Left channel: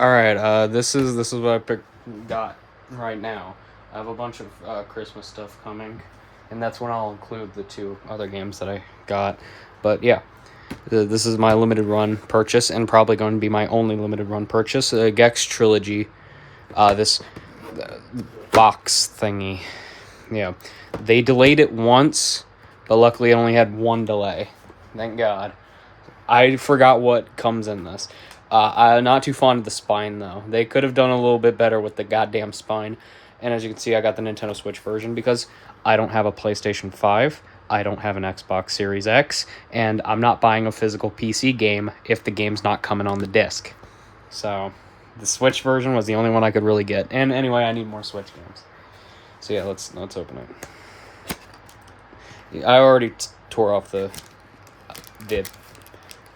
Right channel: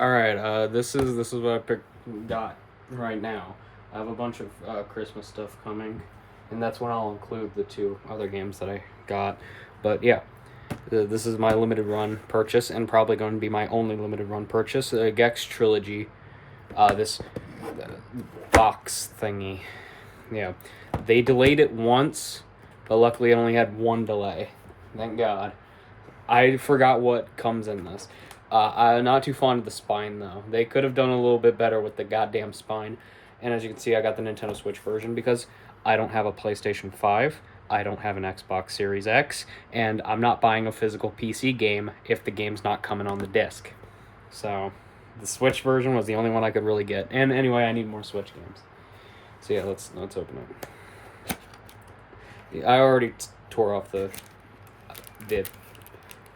All right, this is what got right now. I have a bunch of Christmas stuff coming, and that's when I'll include the two other games that I got. But yeah, this is my limited run purchase, and probably going to be my only limited run purchase. Gex Trilogy, this box thingy. Yeah, they delayed it once, but luckily it only had one delay. Thank God. I forgot what comes in this. I'm not too fond of the spine, though. They could have done a little bit better with the goddamn spine. And as you can see, I got the Nintendo Switch version because I don't have a PlayStation 5, I don't have an Xbox Series X, and I'm not buying a physical PC game if the game's not coming on the disc. So, the Switch version was the only one I could really get. And anyway, I need more Switch games. So yeah, let's open it. I already tore off the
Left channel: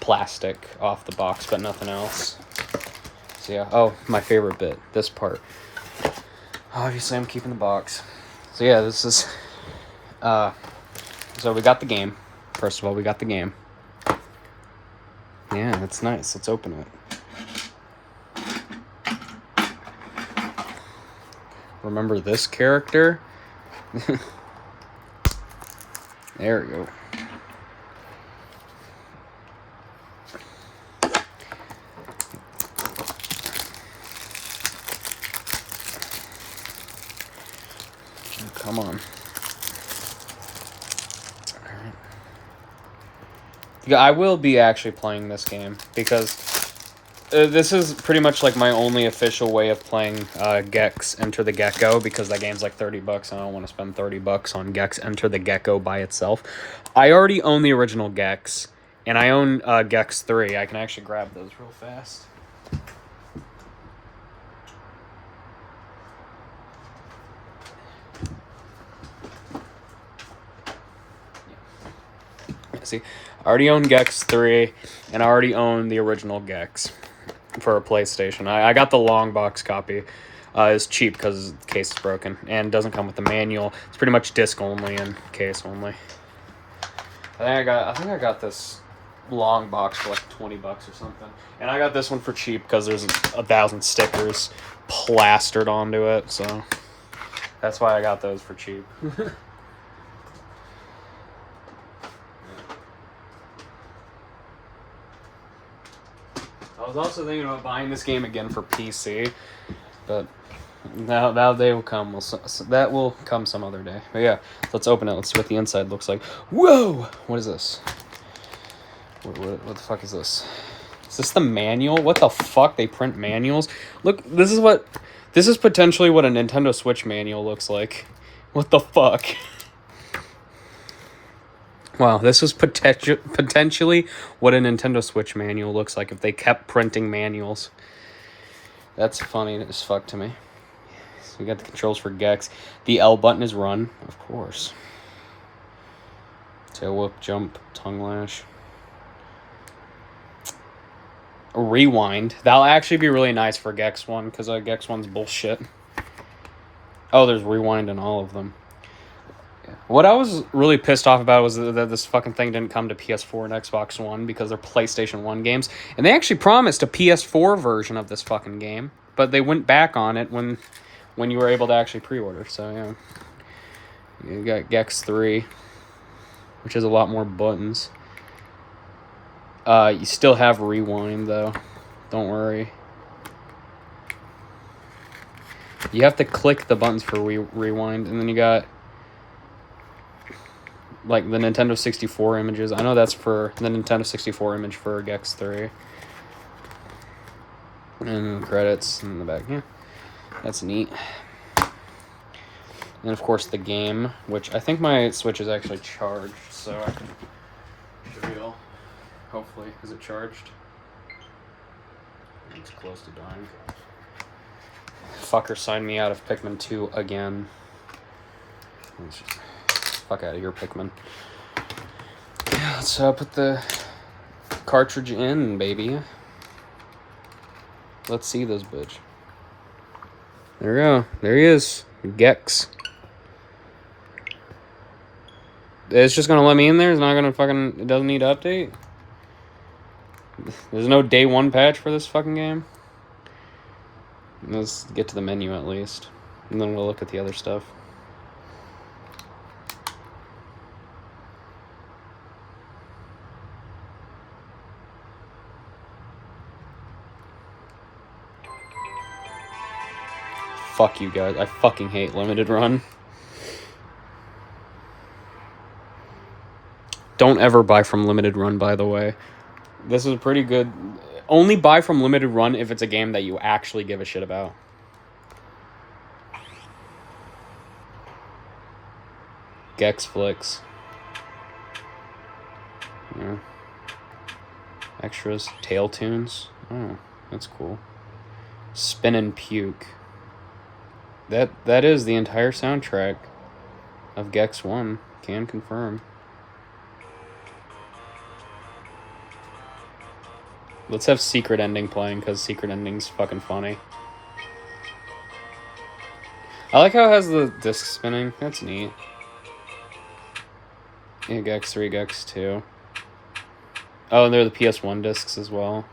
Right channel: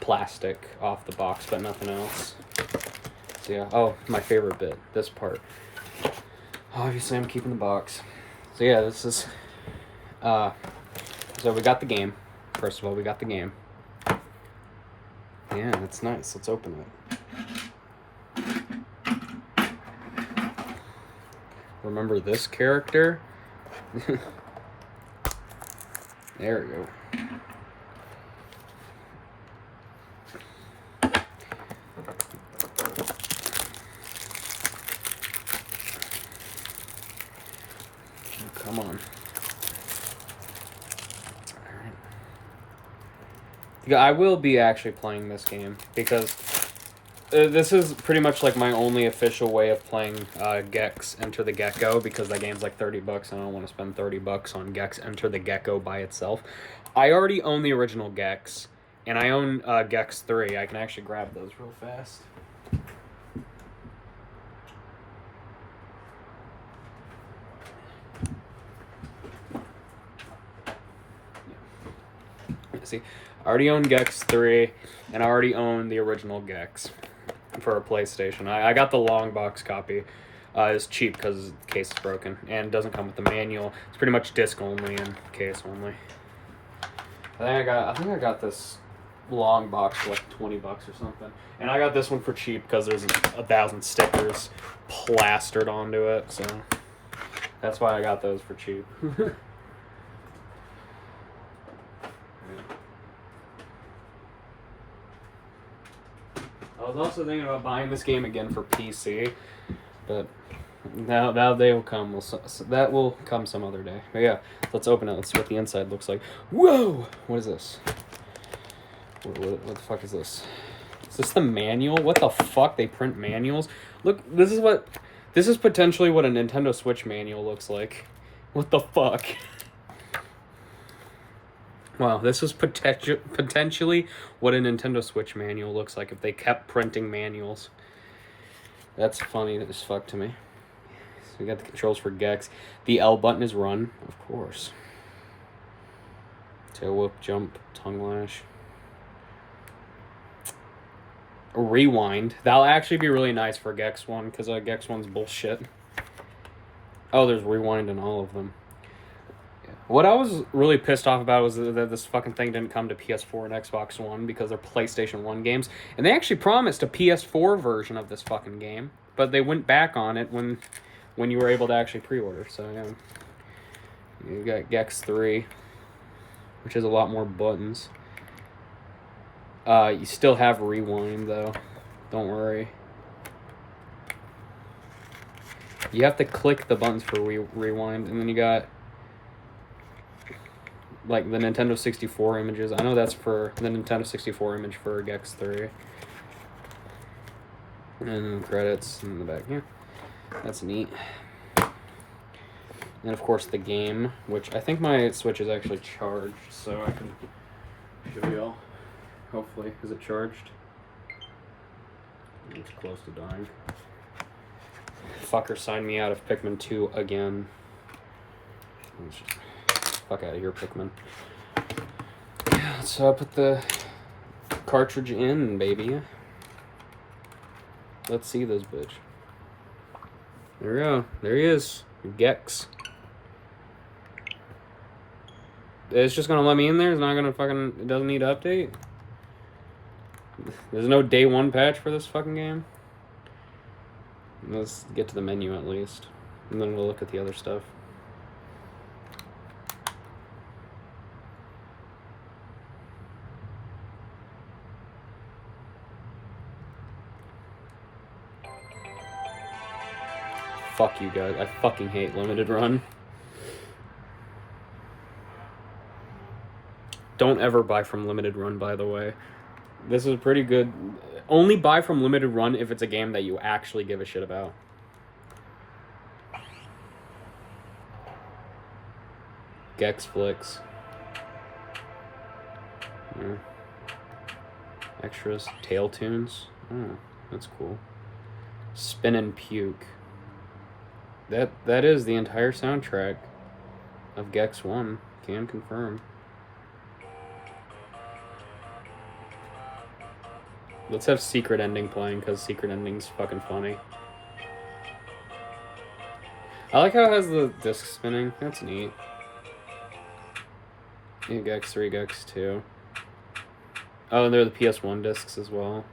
plastic off the box, but nothing else. So yeah, oh, my favorite bit, this part. Obviously, I'm keeping the box. So yeah, this is, so we got the game. First of all, we got the game. Yeah, it's nice. Let's open it. Remember this character? There we go. Come on. Alright. Yeah, I will be actually playing this game because this is pretty much like my only official way of playing Gex Enter the Gecko, because that game's like $30 and I don't want to spend $30 on Gex Enter the Gecko by itself. I already own the original Gex, and I own Gex 3. I can actually grab those real fast. See, I already own Gex 3, and I already own the original Gex for a PlayStation. I got the long box copy. It's cheap because the case is broken and doesn't come with the manual. It's pretty much disc only and case only. I think I got this long box for like $20 or something, and I got this one for cheap because there's 1,000 stickers plastered onto it, so that's why I got those for cheap. I was also thinking about buying this game again for PC, but now they will come. That will come some other day. But yeah, let's open it. Let's see what the inside looks like. Whoa! What is this? What the fuck is this? Is this the manual? What the fuck? They print manuals? Look, this is potentially what a Nintendo Switch manual looks like. What the fuck? Wow, this is potentially what a Nintendo Switch manual looks like if they kept printing manuals. That's funny as fuck to me. So we got the controls for Gex. The L button is run, of course. Tail whoop, jump, tongue lash. Rewind. That'll actually be really nice for Gex 1, because Gex 1's bullshit. Oh, there's rewind in all of them. What I was really pissed off about was that this fucking thing didn't come to PS4 and Xbox One because they're PlayStation 1 games. And they actually promised a PS4 version of this fucking game, but they went back on it when you were able to actually pre-order. So, yeah. You got Gex 3, which has a lot more buttons. You still have rewind, though. Don't worry. You have to click the buttons for rewind, and then you got like the Nintendo 64 images. I know that's for the Nintendo 64 image for Gex 3. And credits in the back. Yeah, that's neat. And of course the game, which I think my Switch is actually charged, so I can show you all. Hopefully. Is it charged? It's close to dying. Fucker signed me out of Pikmin 2 again. Fuck out of here, Pikmin. Yeah, let's put the cartridge in, baby. Let's see this bitch. There we go. There he is. Gex. It's just gonna let me in there? It's not gonna fucking... It doesn't need to update? There's no day one patch for this fucking game? Let's get to the menu at least, and then we'll look at the other stuff. Fuck you guys. I fucking hate limited run. Don't ever buy from limited run, by the way. This is pretty good. Only buy from limited run if it's a game that you actually give a shit about. Gex Flicks. Yeah. Extras. Tail Tunes. Oh, that's cool. Spin and Puke. That is the entire soundtrack of Gex 1. Can confirm. Let's have Secret Ending playing, because Secret Ending's fucking funny. I like how it has the disc spinning. That's neat. Yeah, Gex 3, Gex 2. Oh, and they're the PS1 discs as well,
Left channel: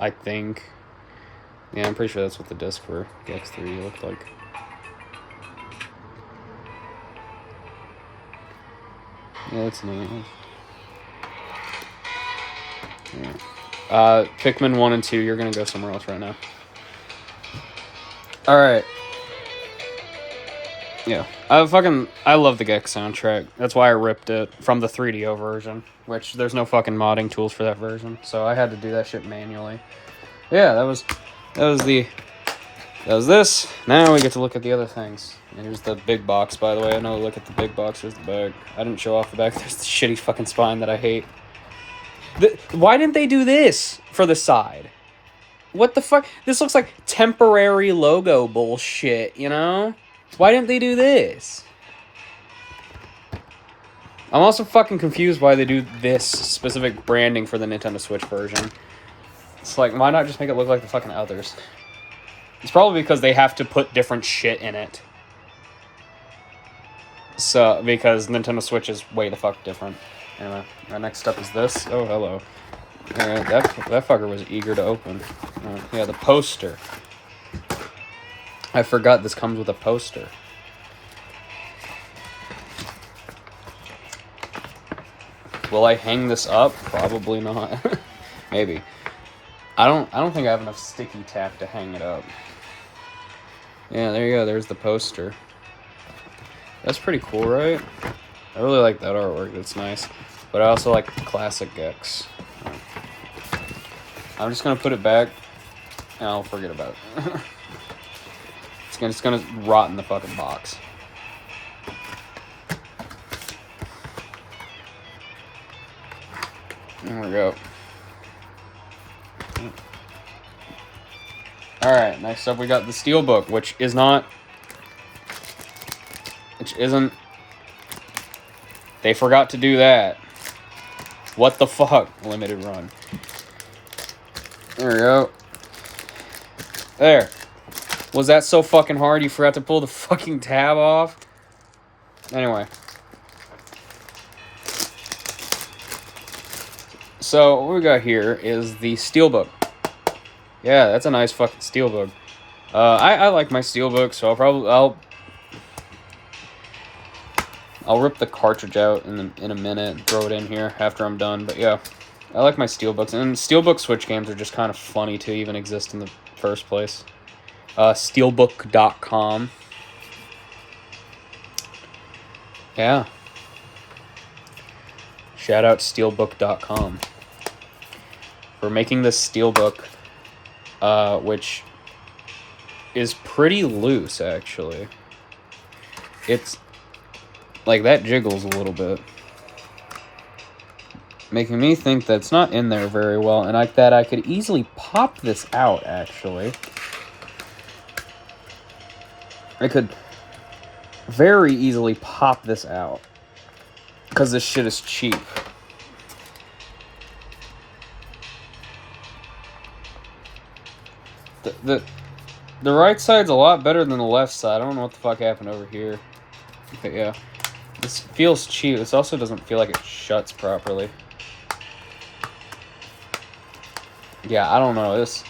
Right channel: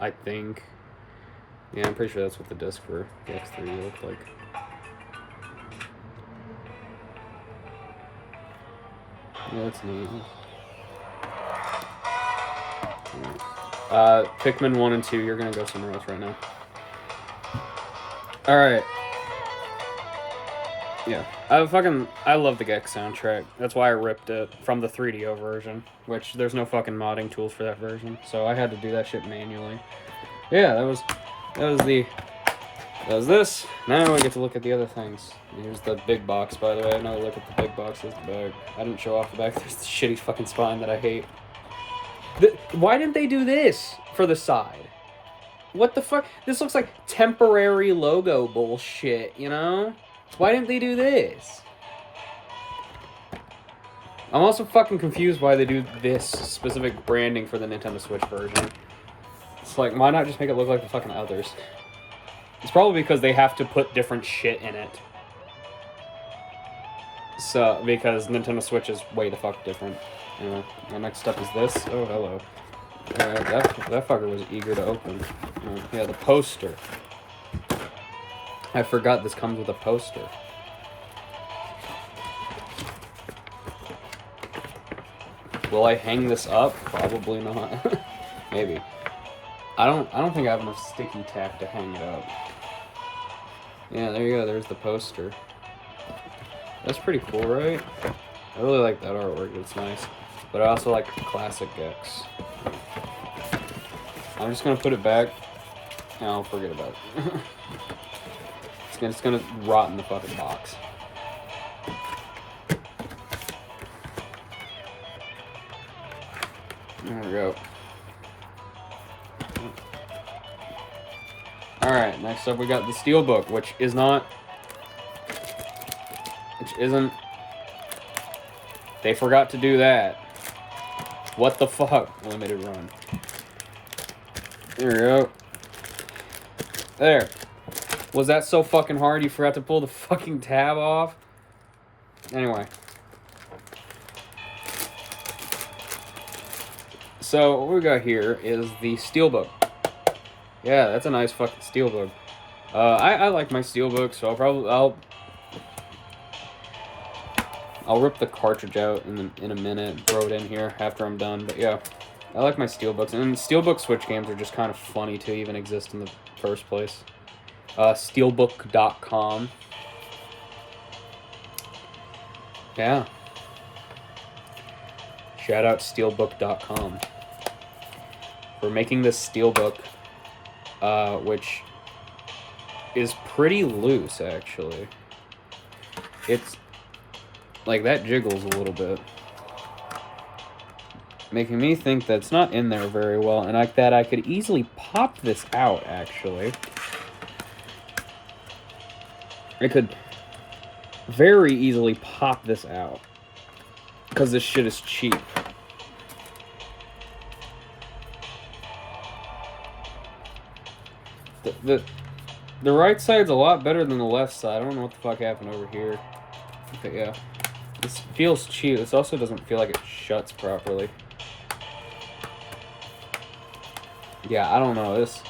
I think. Yeah, I'm pretty sure that's what the disc for Gex 3 looked like. Yeah, that's neat. Alright. Pikmin 1 and 2, you're gonna go somewhere else right now. Alright. Yeah. I love the Gex soundtrack. That's why I ripped it from the 3DO version, which there's no fucking modding tools for that version, so I had to do that shit manually. Yeah, that was this. Now we get to look at the other things. There's the big box, by the way. I know, look at the big box. There's the bag. I didn't show off the back. There's the shitty fucking spine that I hate. Why didn't they do this for the side? What the fuck? This looks like temporary logo bullshit, you know? Why didn't they do this? I'm also fucking confused why they do this specific branding for the Nintendo Switch version. It's like, why not just make it look like the fucking others? It's probably because they have to put different shit in it. So, because Nintendo Switch is way the fuck different. Anyway, the next up is this. Oh, hello. Alright, that fucker was eager to open. Yeah, the poster. I forgot this comes with a poster. Will I hang this up? Probably not. Maybe. I don't think I have enough sticky tack to hang it up. Yeah, there you go. There's the poster. That's pretty cool, right? I really like that artwork. It's nice. But I also like the classic Gex. I'm just gonna put it back, and I'll forget about it. It's gonna rot in the fucking box. There we go. Alright, next up we got the Steelbook, which isn't... They forgot to do that. What the fuck? Limited run. There we go. There. Was that so fucking hard you forgot to pull the fucking tab off? Anyway. So, what we got here is the Steelbook. Yeah, that's a nice fucking Steelbook. I like my Steelbook, so I'll rip the cartridge out in a minute and throw it in here after I'm done. But yeah, I like my Steelbooks. And Steelbook Switch games are just kind of funny to even exist in the first place. Steelbook.com. Yeah. Shout out Steelbook.com for making this Steelbook, which is pretty loose, actually. It's like that jiggles a little bit, making me think that it's not in there very well, and I could easily pop this out, actually. I could very easily pop this out, because this shit is cheap. The right side's a lot better than the left side. I don't know what the fuck happened over here. Okay, yeah. This feels cheap. This also doesn't feel like it shuts properly. Yeah, I don't know. This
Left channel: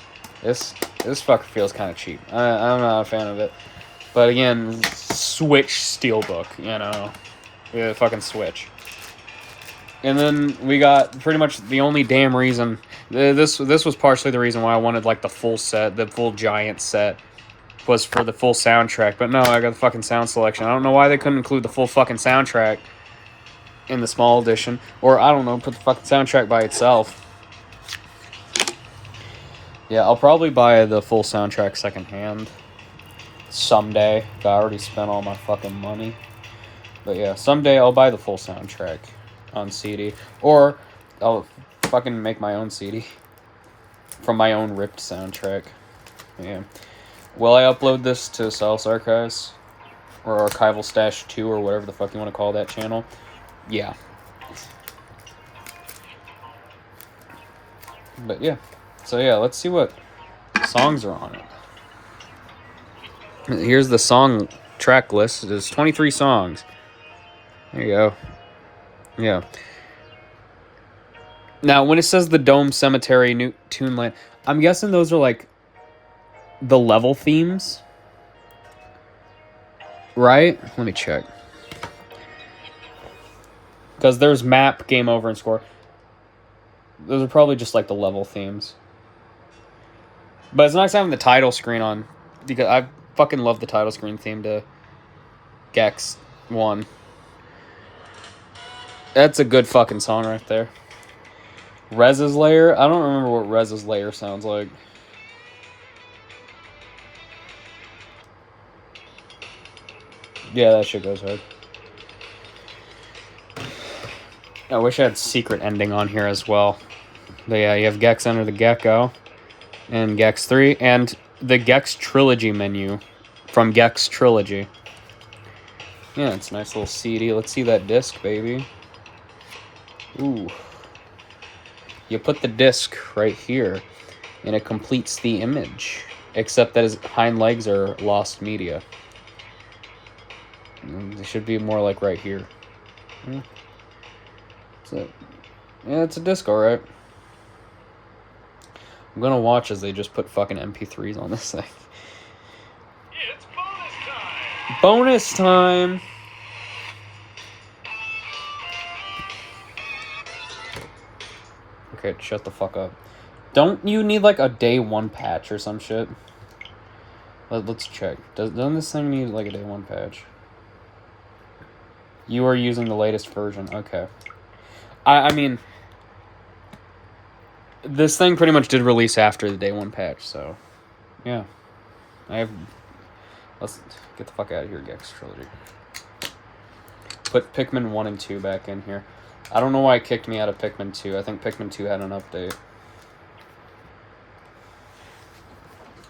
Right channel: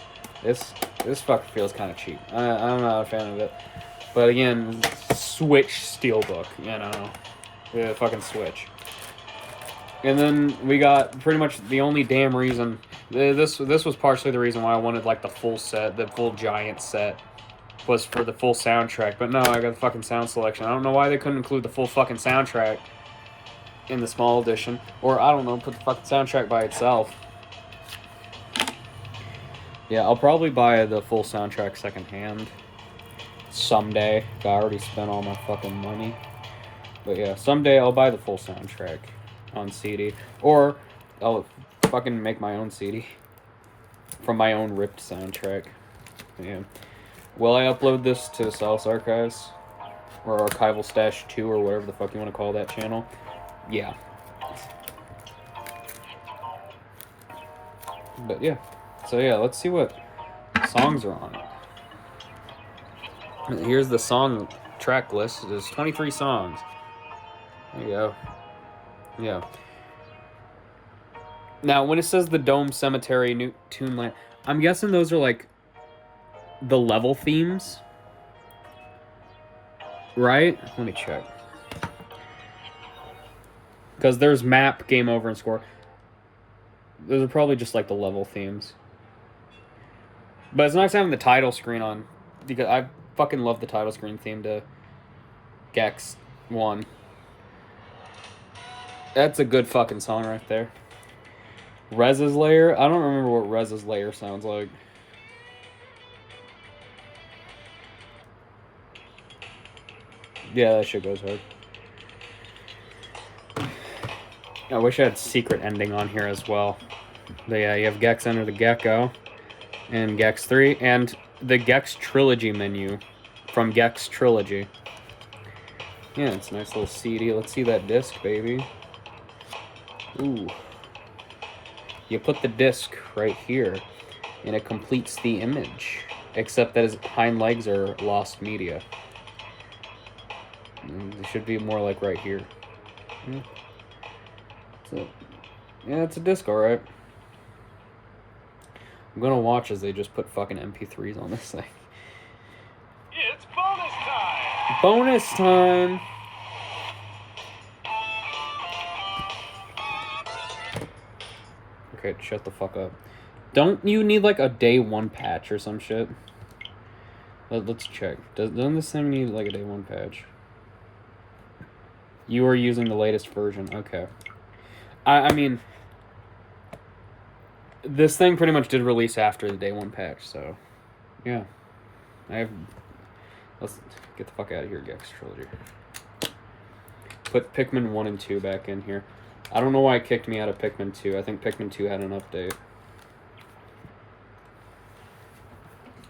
This fucker feels kind of cheap. I'm not a fan of it. But again, Switch Steelbook, you know. Yeah, fucking Switch. And then we got pretty much the only damn reason... This was partially the reason why I wanted, like, the full set, the full giant set, was for the full soundtrack. But no, I got the fucking sound selection. I don't know why they couldn't include the full fucking soundtrack in the small edition. Or, I don't know, put the fucking soundtrack by itself. Yeah, I'll probably buy the full soundtrack secondhand someday. I already spent all my fucking money. But yeah, someday I'll buy the full soundtrack on CD. Or I'll fucking make my own CD from my own ripped soundtrack. Yeah. Will I upload this to Sauce Archives? Or Archival Stash 2 or whatever the fuck you want to call that channel? Yeah. But yeah. So yeah, let's see what songs are on it. Here's the song track list. There's 23 songs. There you go. Yeah. Now, when it says the Dome Cemetery, New Toonland, I'm guessing those are like the level themes. Right? Let me check. Because there's map, game over, and score. Those are probably just like the level themes. But it's nice having the title screen on. Because I fucking love the title screen theme to Gex 1. That's a good fucking song right there. Rez's Lair? I don't remember what Rez's Lair sounds like. Yeah, that shit goes hard. I wish I had Secret Ending on here as well. But yeah, you have Gex Enter the Gecko. And Gex 3. And the Gex Trilogy menu from Gex Trilogy. Yeah, it's a nice little CD. Let's see that disc, baby. Ooh. You put the disc right here, and it completes the image. Except that his hind legs are lost media. It should be more like right here. Yeah, it's a disc, alright. I'm gonna watch as they just put fucking MP3s on this thing. It's bonus time! Bonus time! Okay, shut the fuck up. Don't you need like a day 1 patch or some shit? Let's check. Doesn't this thing need like a day 1 patch? You are using the latest version. Okay. I mean, this thing pretty much did release after the day 1 patch, so yeah. Let's get the fuck out of here, Gex Trilogy. Put Pikmin 1 and 2 back in here. I don't know why it kicked me out of Pikmin 2. I think Pikmin 2 had an update.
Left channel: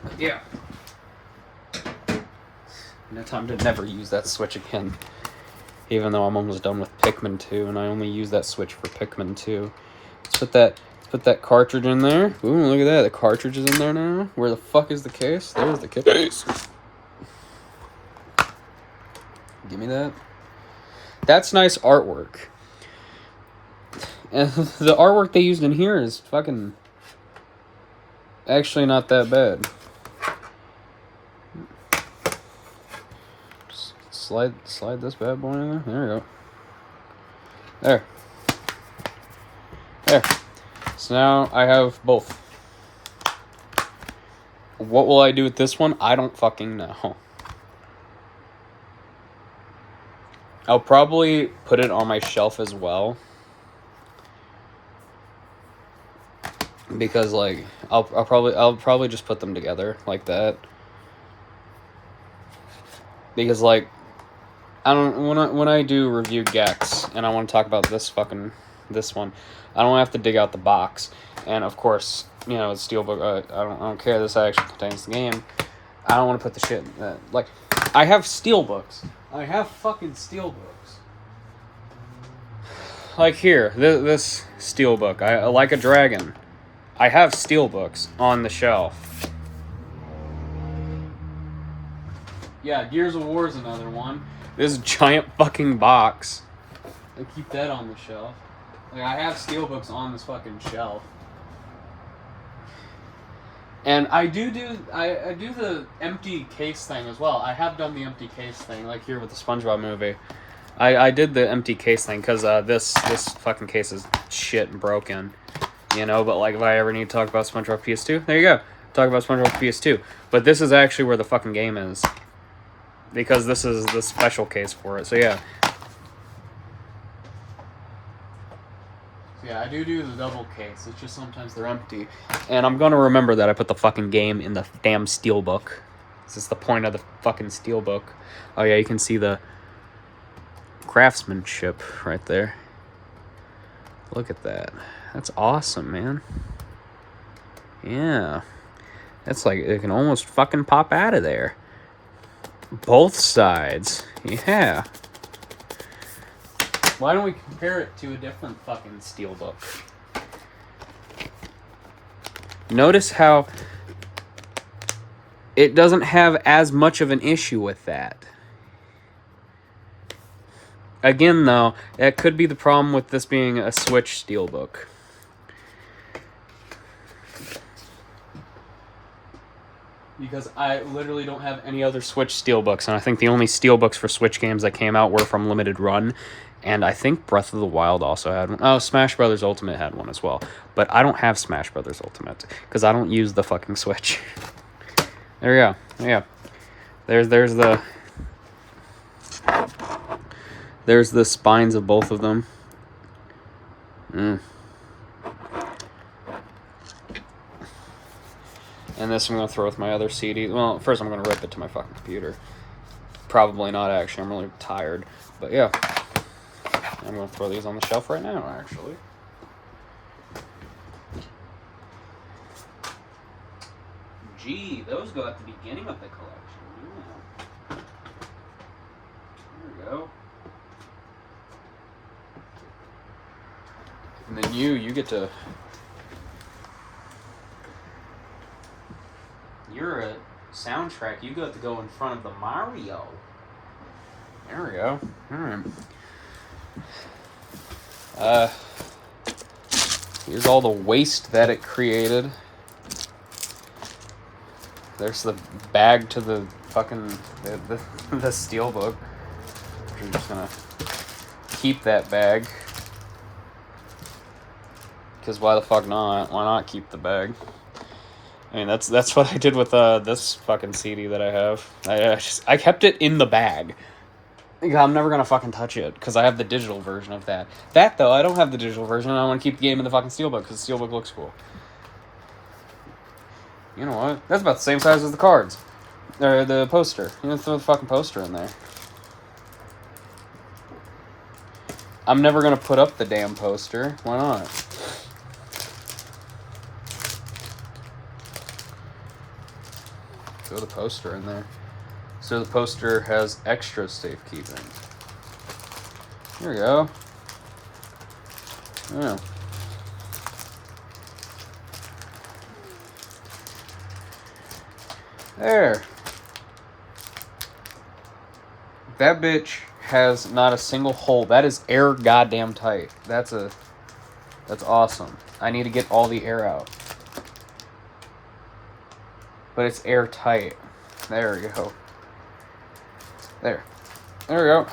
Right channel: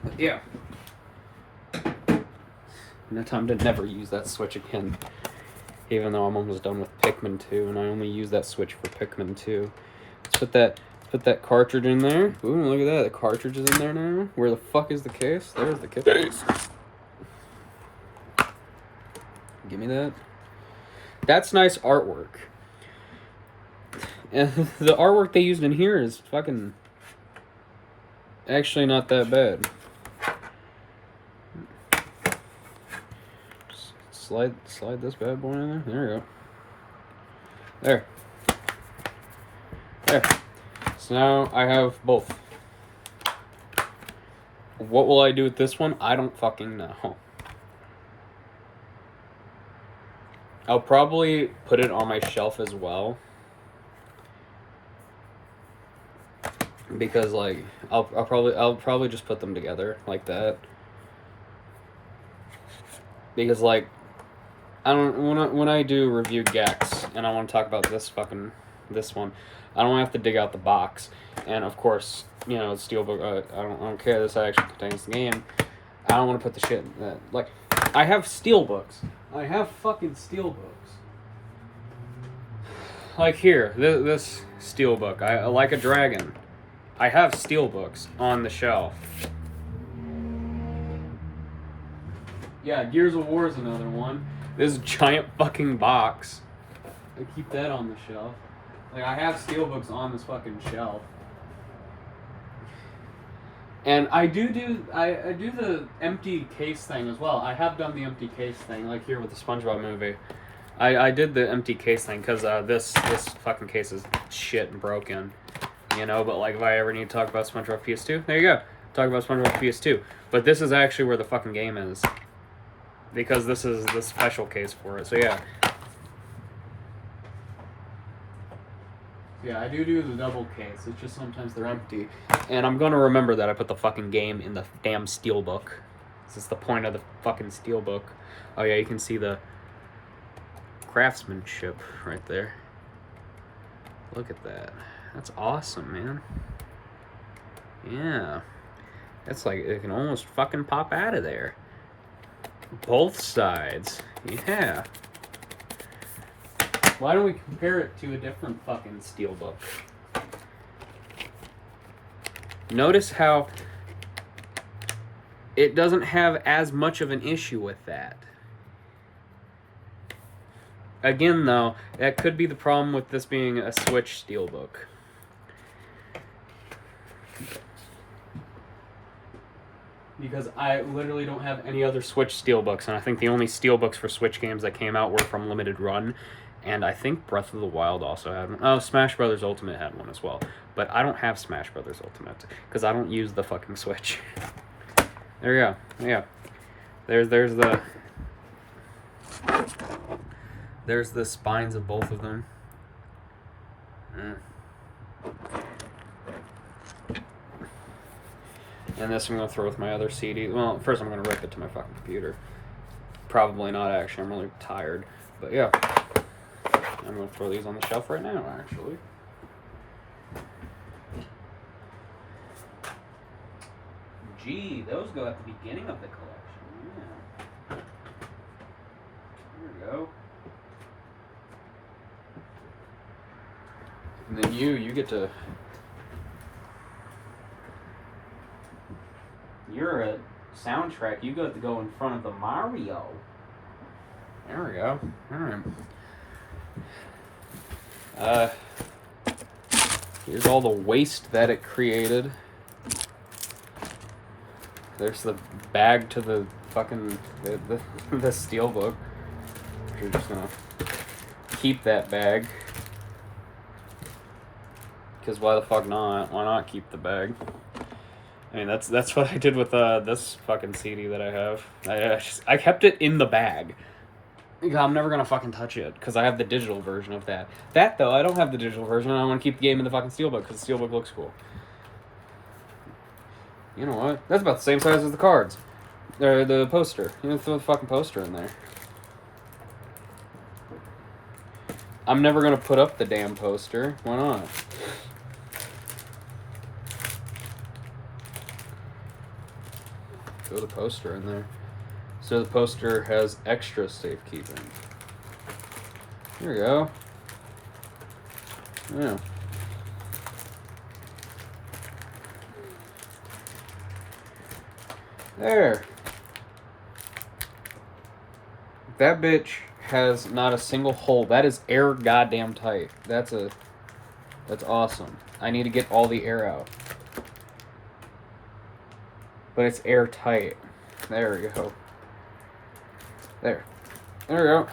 But yeah. No time to never use that Switch again. Even though I'm almost done with Pikmin 2, and I only use that Switch for Pikmin 2. Let's put that cartridge in there. Ooh, look at that. The cartridge is in there now. Where the fuck is the case? There's the case. Give me that. That's nice artwork. And the artwork they used in here is fucking actually not that bad. Slide this bad boy in there. There we go. There. So now I have both. What will I do with this one? I don't fucking know. I'll probably put it on my shelf as well. Because like I'll probably just put them together like that. Because like I don't when I do review Gex and I want to talk about this one, I don't have to dig out the box. And of course, you know, Steelbook. I don't care. This actually contains the game. I don't want to put the shit in that. Like, I have Steelbooks. I have fucking Steelbooks. Like here, this Steelbook. I like a dragon. I have Steelbooks on the shelf. Yeah, Gears of War is another one. This giant fucking box. I keep that on the shelf. Like, I have Steelbooks on this fucking shelf. And I do the empty case thing as well. I have done the empty case thing, like here with the SpongeBob movie. I did the empty case thing because this fucking case is shit and broken, you know. But like, if I ever need to talk about SpongeBob PS2, there you go. Talk about SpongeBob PS2. But this is actually where the fucking game is, because this is the special case for it. So yeah. Yeah, I do the double case. It's just sometimes they're empty. And I'm gonna remember that I put the fucking game in the damn steelbook. This is the point of the fucking steelbook. Oh yeah, you can see the craftsmanship right there. Look at that. That's awesome, man. Yeah. That's like, it can almost fucking pop out of there. Both sides. Yeah. Why don't we compare it to a different fucking steelbook? Notice how it doesn't have as much of an issue with that. Again, though, that could be the problem with this being a Switch steelbook. Because I literally don't have any other Switch steelbooks, and I think the only steelbooks for Switch games that came out were from Limited Run, and I think Breath of the Wild also had one. Oh, Smash Brothers Ultimate had one as well. But I don't have Smash Brothers Ultimate, because I don't use the fucking Switch. There we go. Yeah. There's the spines of both of them. And this I'm going to throw with my other CD. Well, first I'm going to rip it to my fucking computer. Probably not, actually. I'm really tired. But yeah. I'm going to throw these on the shelf right now, actually. Gee, those go at the beginning of the collection. Yeah. Here we go. And then you get to... You're a soundtrack. You got to go in front of the Mario. There we go. Alright. Here's all the waste that it created. There's the bag to the fucking the steelbook. We're just gonna keep that bag. Because why the fuck not? Why not keep the bag? I mean, that's what I did with this fucking CD that I have. I kept it in the bag. I'm never gonna fucking touch it because I have the digital version of that. That though, I don't have the digital version. And I want to keep the game in the fucking steelbook because the steelbook looks cool. You know what? That's about the same size as the cards, or the poster. You can throw the fucking poster in there. I'm never gonna put up the damn poster. Why not? Throw the poster in there. So the poster has extra safe keeping. There we go. Yeah. There. That bitch has not a single hole. That is air goddamn tight. That's awesome. I need to get all the air out. But it's airtight. There we go. There we go.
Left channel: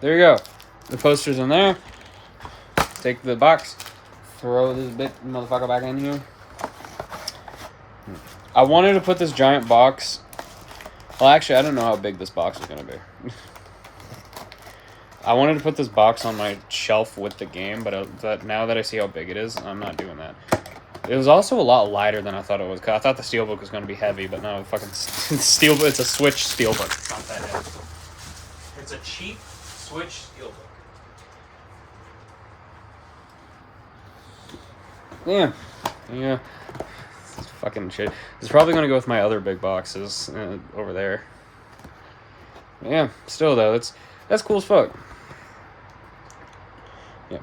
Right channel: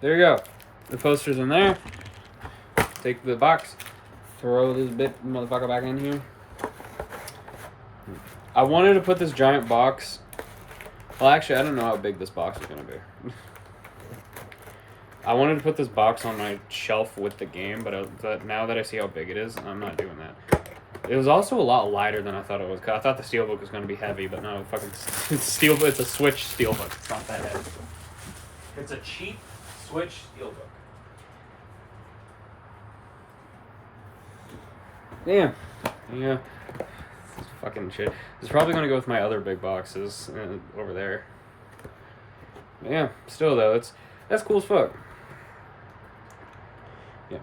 There you go. The poster's in there. Take the box. Throw this bit motherfucker back in here. I wanted to put this giant box. Well, actually, I don't know how big this box is going to be. I wanted to put this box on my shelf with the game, but now that I see how big it is, I'm not doing that. It was also a lot lighter than I thought it was. I thought the steelbook was going to be heavy, but no, fucking steelbook. It's a Switch steelbook. It's not that heavy. It's a cheap Switch steelbook. Yeah. This is fucking shit. It's probably going to go with my other big boxes over there. But yeah, still though, that's cool as fuck. Yeah.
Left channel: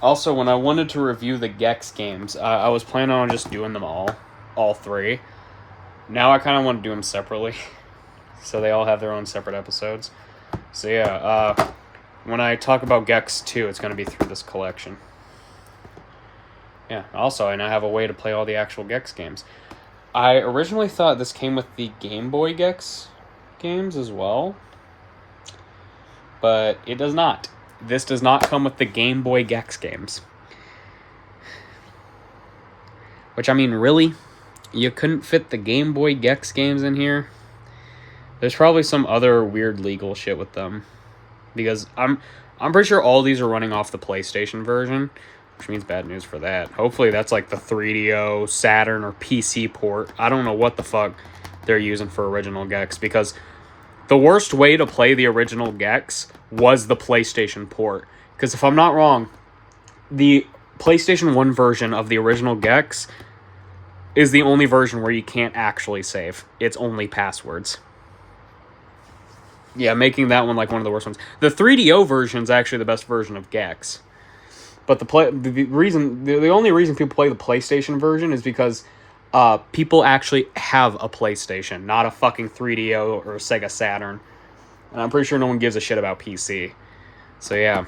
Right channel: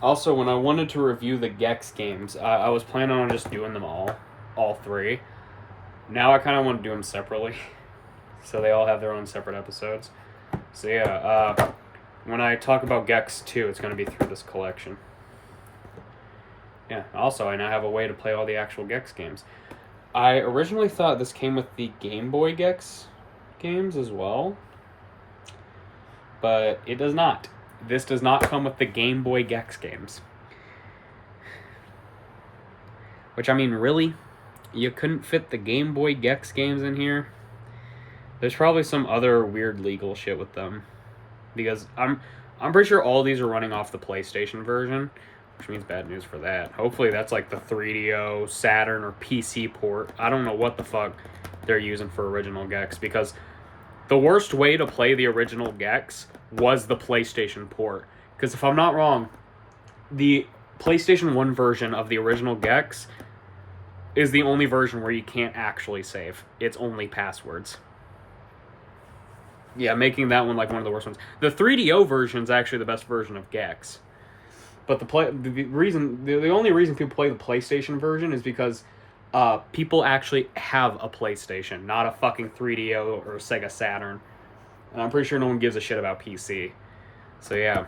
Also, when I wanted to review the Gex games, I was planning on just doing them all three. Now I kind of want to do them separately, so they all have their own separate episodes. So yeah, when I talk about Gex 2, it's going to be through this collection. Yeah, also, I now have a way to play all the actual Gex games. I originally thought this came with the Game Boy Gex games as well, but it does not. This does not come with the Game Boy Gex games. Which, I mean, really? You couldn't fit the Game Boy Gex games in here? There's probably some other weird legal shit with them. Because I'm pretty sure all these are running off the PlayStation version, which means bad news for that. Hopefully that's like the 3DO, Saturn, or PC port. I don't know what the fuck they're using for original Gex, because the worst way to play the original Gex was the PlayStation port. Because if I'm not wrong, the PlayStation 1 version of the original Gex is the only version where you can't actually save. It's only passwords. Yeah, making that one like one of the worst ones. The 3DO version is actually the best version of Gex. But the only reason people play the PlayStation version is because people actually have a PlayStation, not a fucking 3DO or Sega Saturn. And I'm pretty sure no one gives a shit about PC. So yeah.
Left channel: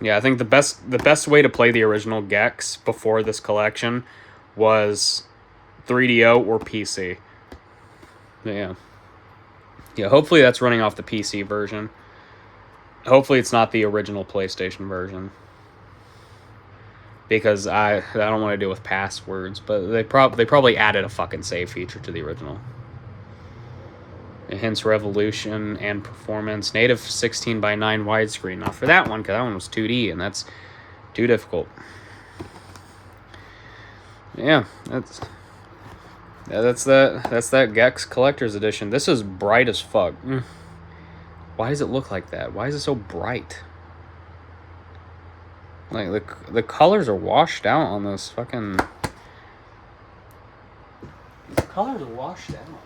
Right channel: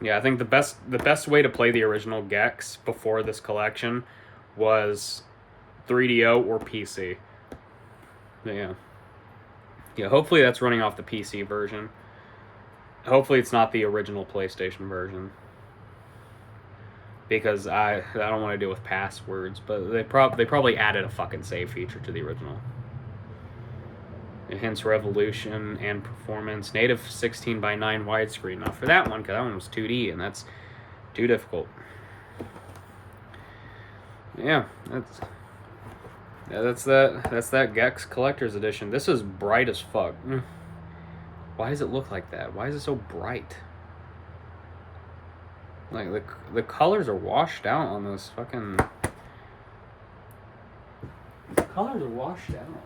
Yeah, I think the best way to play the original Gex before this collection was 3DO or PC. Yeah. Yeah, hopefully that's running off the PC version. Hopefully it's not the original PlayStation version. Because I don't want to deal with passwords, but they probably added a fucking save feature to the original. Hence resolution and performance. Native 16:9 widescreen. Not for that one, because that one was 2D, and that's too difficult. Yeah, that's that Gex Collector's Edition. This is bright as fuck. Why does it look like that? Why is it so bright? Like, the colors are washed out on this fucking... The colors are washed out on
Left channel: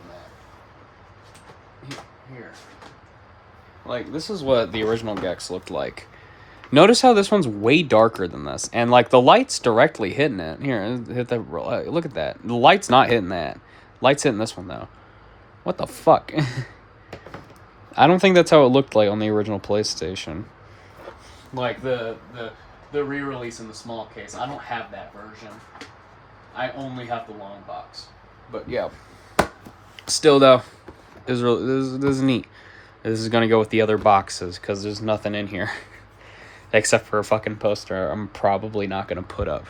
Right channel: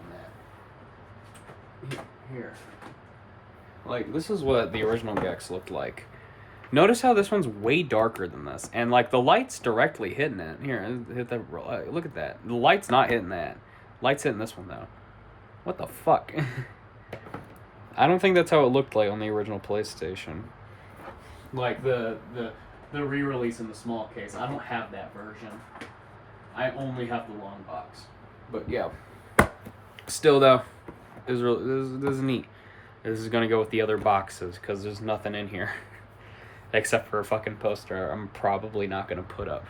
that. Here. Like, this is what the original Gex looked like. Notice how this one's way darker than this. And, like, the light's directly hitting it. Here, hit that. Look at that. The light's not hitting that. Light's hitting this one, though. What the fuck? I don't think that's how it looked like on the original PlayStation. Like, the re-release in the small case. I don't have that version. I only have the long box. But, yeah. Still, though, this is neat. This is going to go with the other boxes, because there's nothing in here. Except for a fucking poster I'm probably not going to put up.